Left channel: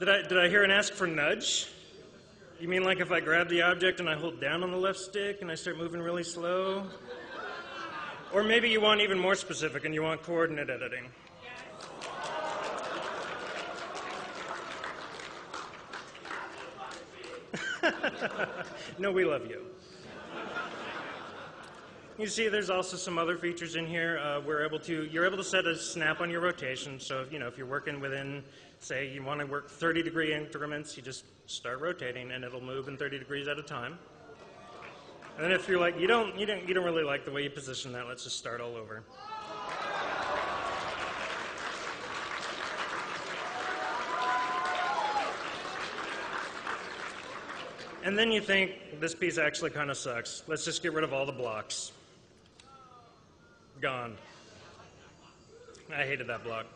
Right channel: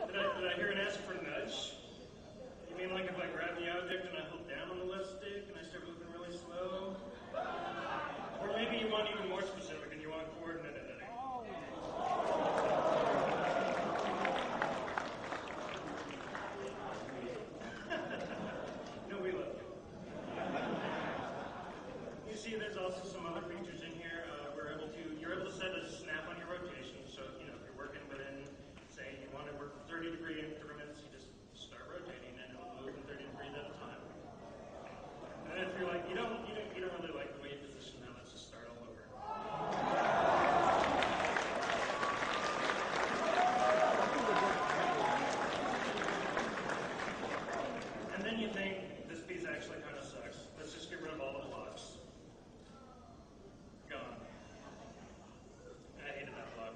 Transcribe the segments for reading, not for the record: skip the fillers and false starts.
Did I hear an ask for nudge? You mean like if I grab the object and I hold down on the left stick and I start moving really slow? Or maybe you want even more specific and you want coordinate editing. No, we love you. You see, there's also some other features in here. You're able to set a snap on your rotation. So, if you're working within, say, you want to work 30-degree increments, you just start rotating, and it'll move in 30 degrees at a time. And then if you're like, you don't really like the way you position that, let's just start all over. And then you think, this piece actually kind of sucks. Let's just get rid of all the blocks. Gone. I hated that block.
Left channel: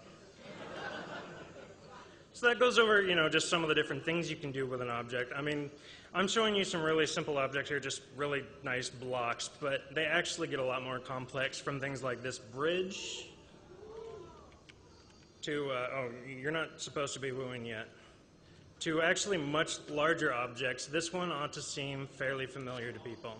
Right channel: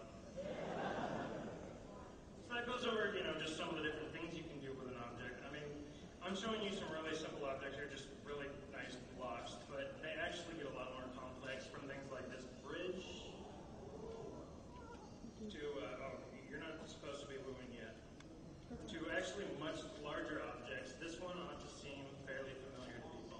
So that goes over, just some of the different things you can do with an object. I mean, I'm showing you some really simple objects here, just really nice blocks, but they actually get a lot more complex from things like this bridge to, you're not supposed to be wooing yet, to actually much larger objects. This one ought to seem fairly familiar to people.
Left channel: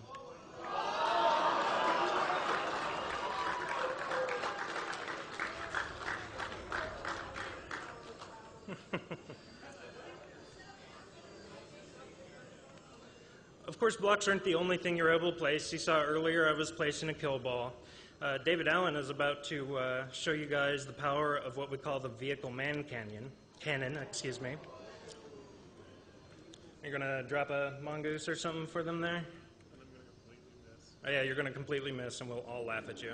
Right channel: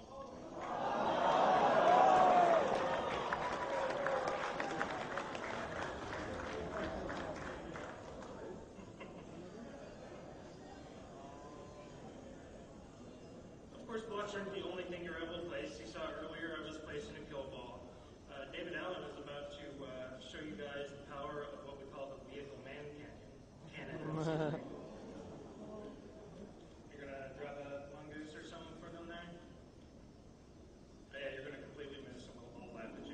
Of course, blocks aren't the only thing you're able to place. You saw earlier I was placing a kill ball. David Allen is about to show you guys the power of what we call the vehicle man cannon. Excuse me. You're going to drop a mongoose or something for them there? Oh yeah, you're going to completely miss and we'll all laugh at you.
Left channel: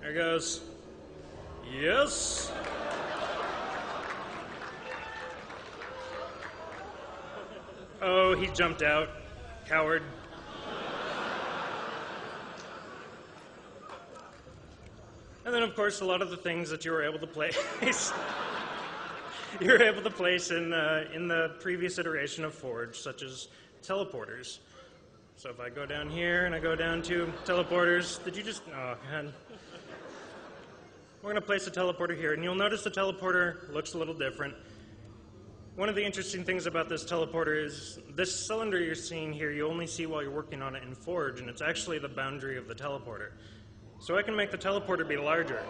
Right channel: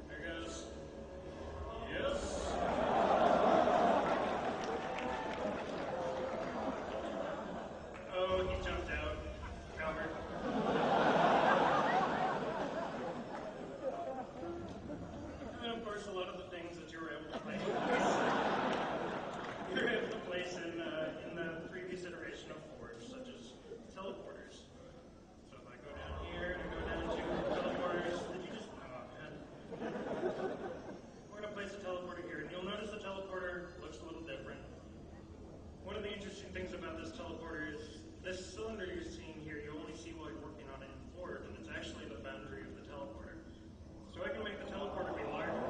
There it goes. Yes! Oh, he jumped out. Coward. And then, of course, a lot of the things that you were able to place, you were able to place in the previous iteration of Forge, such as teleporters. So if I go down here and I go down to teleporters, did you just, oh, man. We're going to place a teleporter here, and you'll notice the teleporter looks a little different. One of the interesting things about this teleporter is this cylinder you're seeing here, you only see while you're working on it in Forge, and it's actually the boundary of the teleporter. So I can make the teleporter be larger.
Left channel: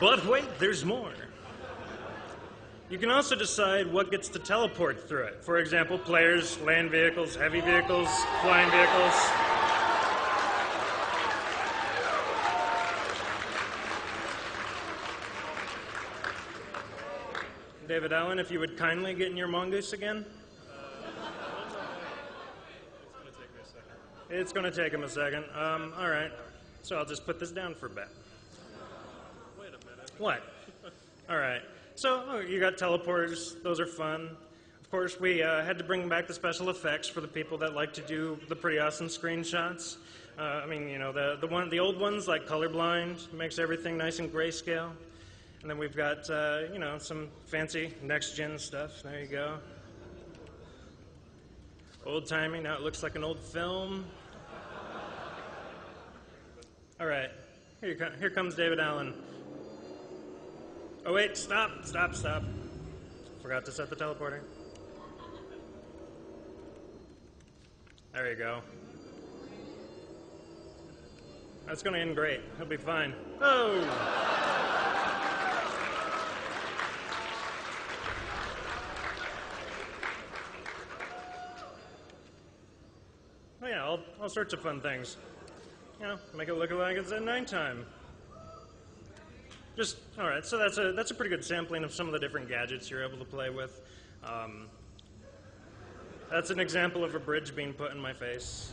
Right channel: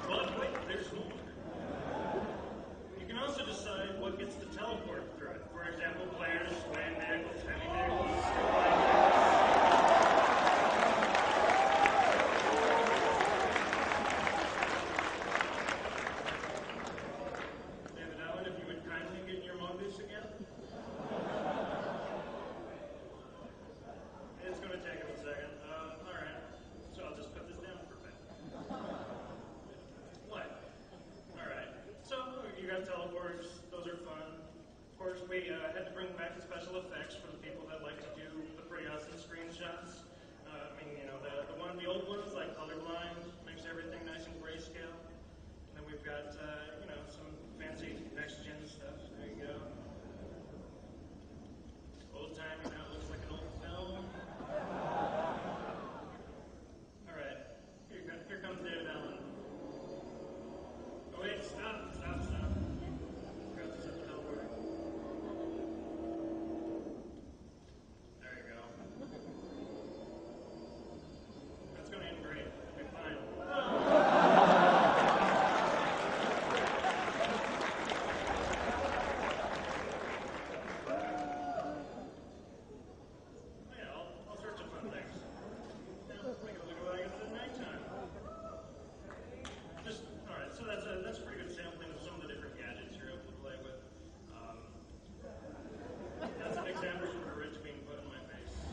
But wait, there's more. You can also decide what gets to teleport through it. For example, players, land vehicles, heavy vehicles, flying vehicles. David Allen, if you would kindly get in your mongoose again. It's going to take him a second. All right. So I'll just put this down for a bit. Wait a minute. What? All right. So you got teleporters. Those are fun. Of course, we had to bring back the special effects for the people that like to do the pretty awesome screenshots. I mean, the old ones like Colorblind makes everything nice and grayscale. And then we've got, some fancy next-gen stuff. There you go. Old-timey, now it looks like an old film. All right, here comes David Allen. Oh, wait, stop. Forgot to set the teleporter. There you go. That's going to end great. He'll be fine. Oh! All sorts of fun things. Make it look like it's at nighttime. All right, so that's a pretty good sampling of some of the different gadgets you're able to play with. That's an example of a bridge being put in my face.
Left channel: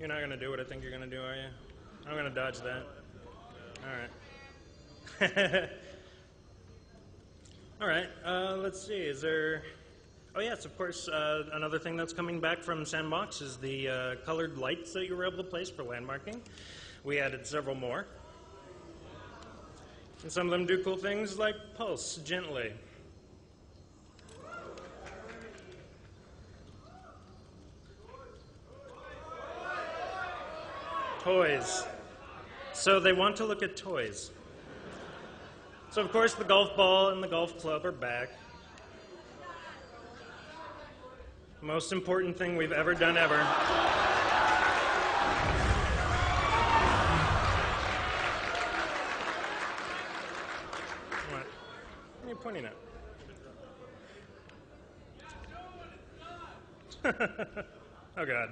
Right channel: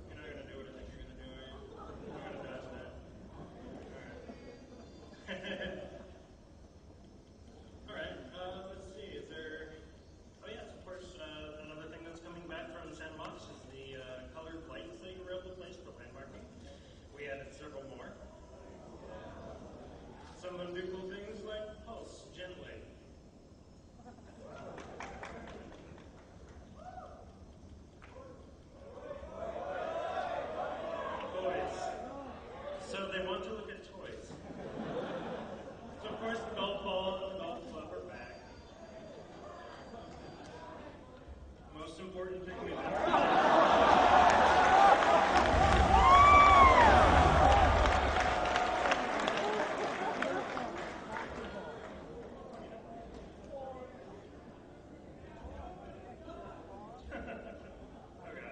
You're not going to do what I think you're going to do, are you? I'm going to dodge that. All right. All right, let's see, is there... Oh yes, of course, another thing that's coming back from Sandbox is the colored lights that you were able to place for landmarking. We added several more. And some of them do cool things like pulse gently. Toys. So they want to look at toys. So of course the golf ball and the golf club are back. Most important thing we've ever done ever. What are you pointing at? Oh God.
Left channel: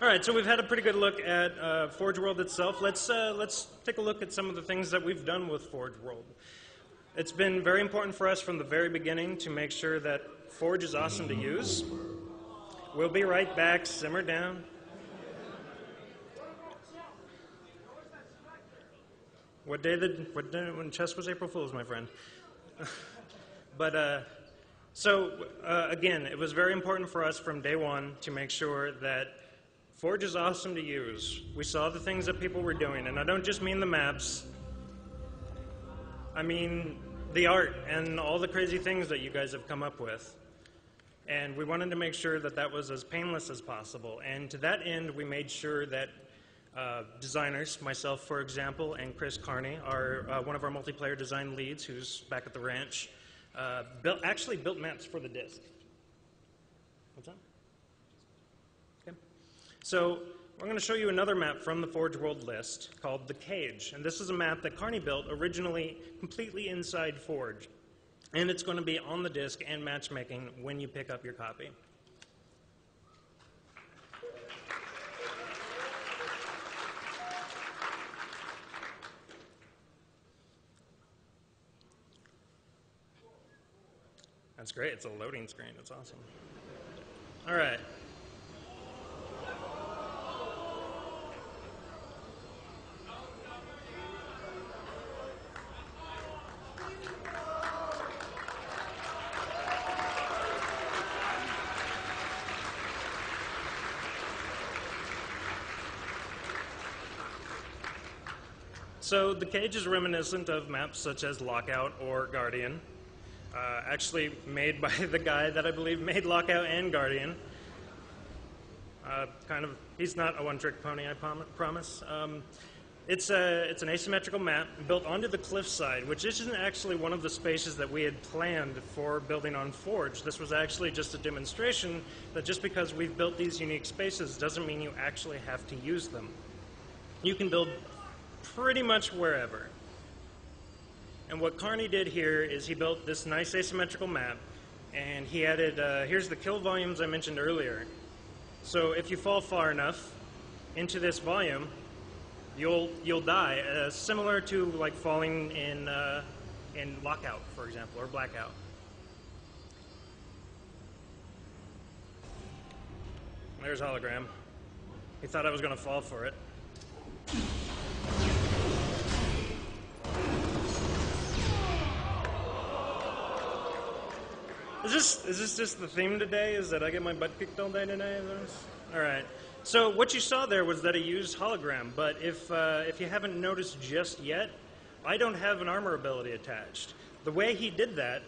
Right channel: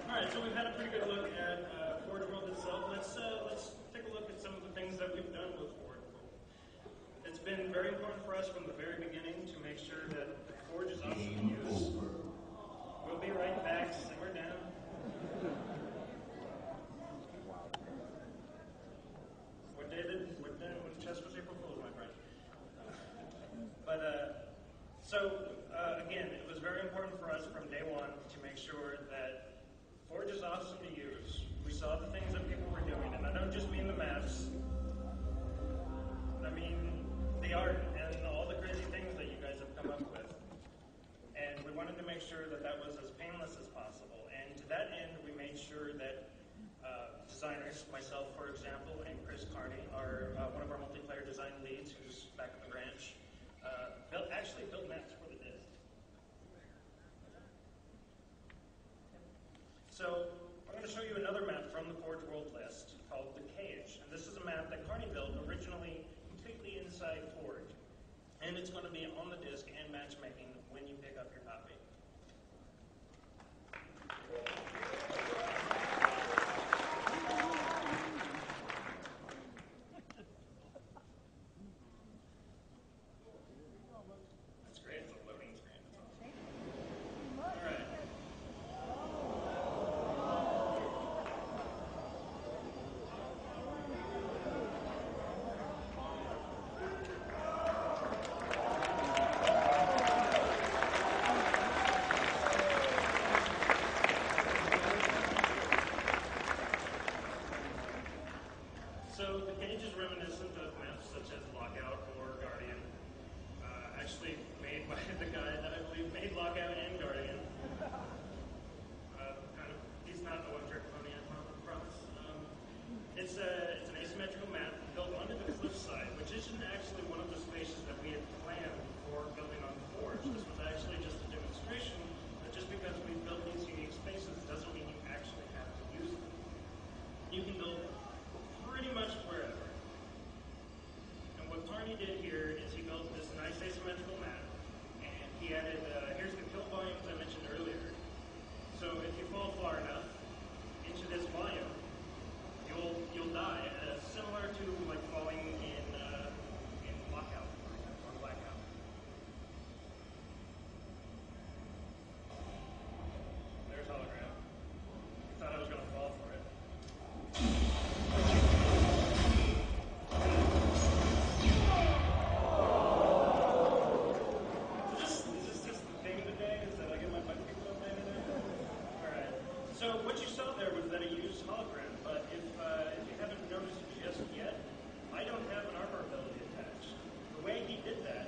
All right, so we've had a pretty good look at Forge World itself. Let's take a look at some of the things that we've done with Forge World. It's been very important for us from the very beginning to make sure that Forge is awesome to use. We'll be right back. Simmer down. What day when chess was April Fool's, my friend? Again, it was very important for us from day one to make sure that Forge is awesome to use. We saw the things that people were doing, and I don't just mean the maps. I mean the art and all the crazy things that you guys have come up with. And we wanted to make sure that that was as painless as possible. And to that end, we made sure that designers, myself for example, and Chris Carney, one of our multiplayer design leads who's back at the ranch, actually built maps for the disc. What's that? Okay. So we're going to show you another map from the Forge World list called The Cage. And this is a map that Carney built originally completely inside Forge. And it's going to be on the disc and matchmaking when you pick up your copy. That's great. It's a loading screen. That's awesome. All right. So the Cage is reminiscent of maps such as Lockout or Guardian, actually made by the guy that I believe made Lockout and Guardian. He's not a one-trick pony, I promise. It's an asymmetrical map built onto the cliffside, which isn't actually one of the spaces that we had planned for building on Forge. This was actually just a demonstration that just because we've built these unique spaces doesn't mean you actually have to use them. You can build pretty much wherever. And what Carney did here is he built this nice asymmetrical map, and he added, here's the kill volumes I mentioned earlier. So if you fall far enough into this volume, you'll die, similar to like falling in Lockout, for example, or Blackout. There's Hologram. He thought I was going to fall for it. Is this just the theme today? Is that I get my butt kicked all day today? All right. So what you saw there was that I used hologram, but if you haven't noticed just yet, I don't have an armor ability attached. The way he did that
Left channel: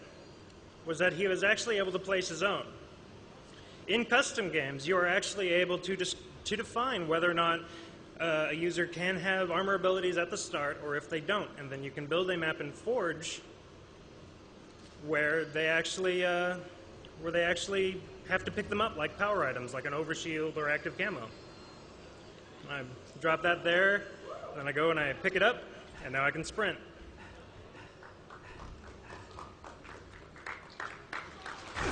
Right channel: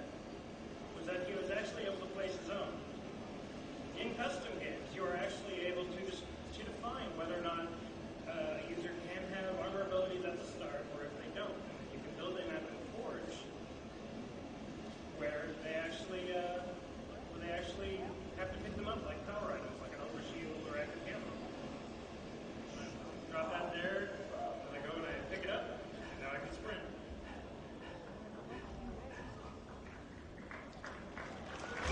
was that he was actually able to place his own. In custom games, you are actually able to define whether or not a user can have armor abilities at the start or if they don't, and then you can build a map in Forge where they actually have to pick them up like power items, like an overshield or active camo. I drop that there, then I go and I pick it up, and now I can sprint.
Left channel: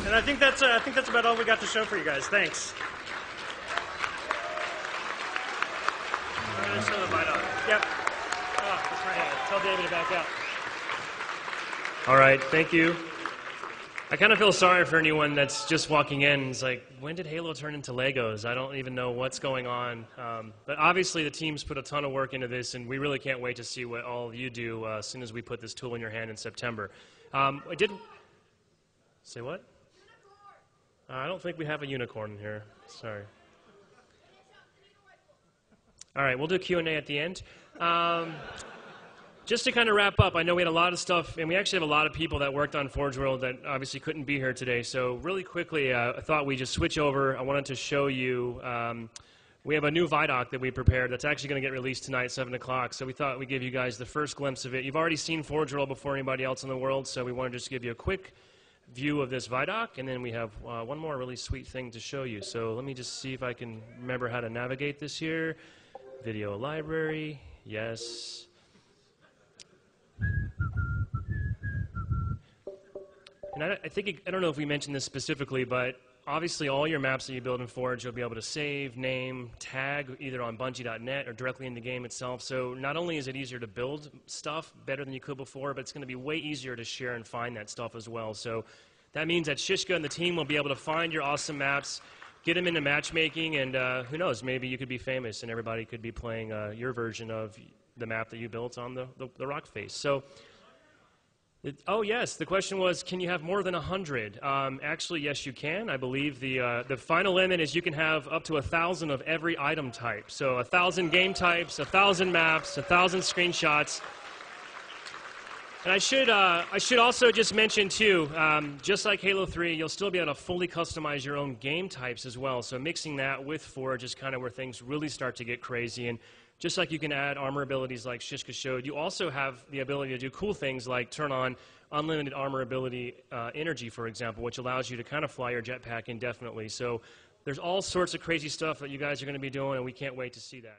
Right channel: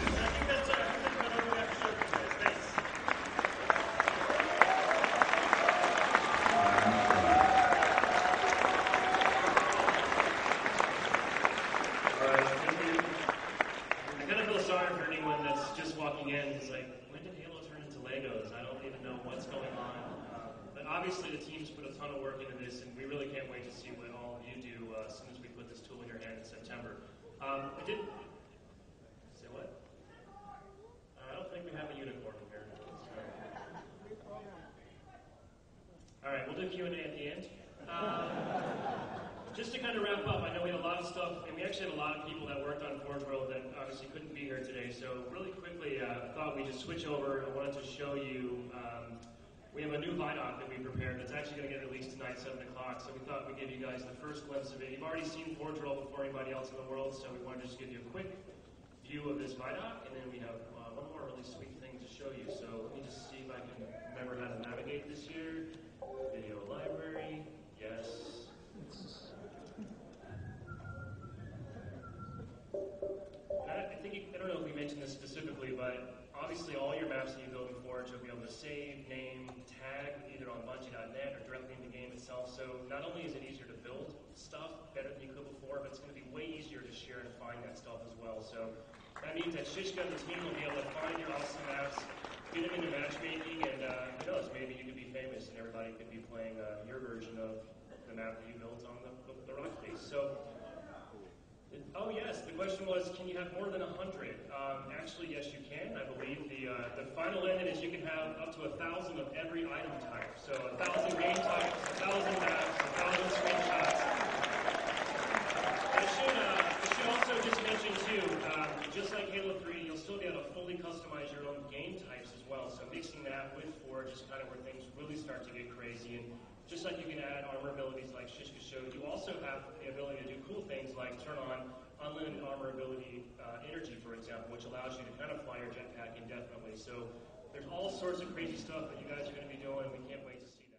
And I think that's about all we got to show for you guys. Thanks. All right, thank you. I kind of feel sorry for anyone that's just walking in. It's like, when did Halo turn into Legos? I don't even know what's going on. But obviously the team's put a ton of work into this, and we really can't wait to see what all of you do as soon as we put this tool in your hand in September. I did... Say what? I don't think we have a unicorn here. Sorry. All right, we'll do Q&A at the end. just to kind of wrap up, I know we had a lot of stuff, and we actually have a lot of people that worked on Forge World that obviously couldn't be here today. So really quickly, I thought we'd just switch over. I wanted to show you, we have a new Vidoc that we prepared that's actually going to get released tonight, 7 o'clock. So we thought we'd give you guys the first glimpse of it. You've already seen Forge World before anybody else in the world, so we want to just give you a quick view of this Vidoc, and then we have one more really sweet thing to show you. So let me just see if I can remember how to navigate this here. Video library, yes. And I don't know if we mentioned this specifically, but obviously all your maps that you build in Forge, you'll be able to save, name, tag either on Bungie.net or directly in the game itself. So not only is it easier to build stuff better than you could before, but it's going to be way easier to share and find that stuff as well. So that means that Shishka and the team will be able to find your awesome maps, get them into matchmaking, and who knows, maybe you could be famous and everybody could be playing your version of the map that you built on the rock face. So. Oh yes, the question was, can you have more than 100? Actually, yes, you can. I believe the final limit is you can have up to 1,000 of every item type. So 1,000 game types, 1,000 maps, 1,000 screenshots. And I should also just mention too, just like Halo 3, you'll still be able to fully customize your own game types as well. So mixing that with Forge is kind of where things really start to get crazy. And just like you can add armor abilities like Shishka showed, you also have the ability to do cool things like turn on unlimited armor ability energy, for example, which allows you to kind of fly your jetpack indefinitely. So there's all sorts of crazy stuff that you guys are going to be doing, and we can't wait to see that.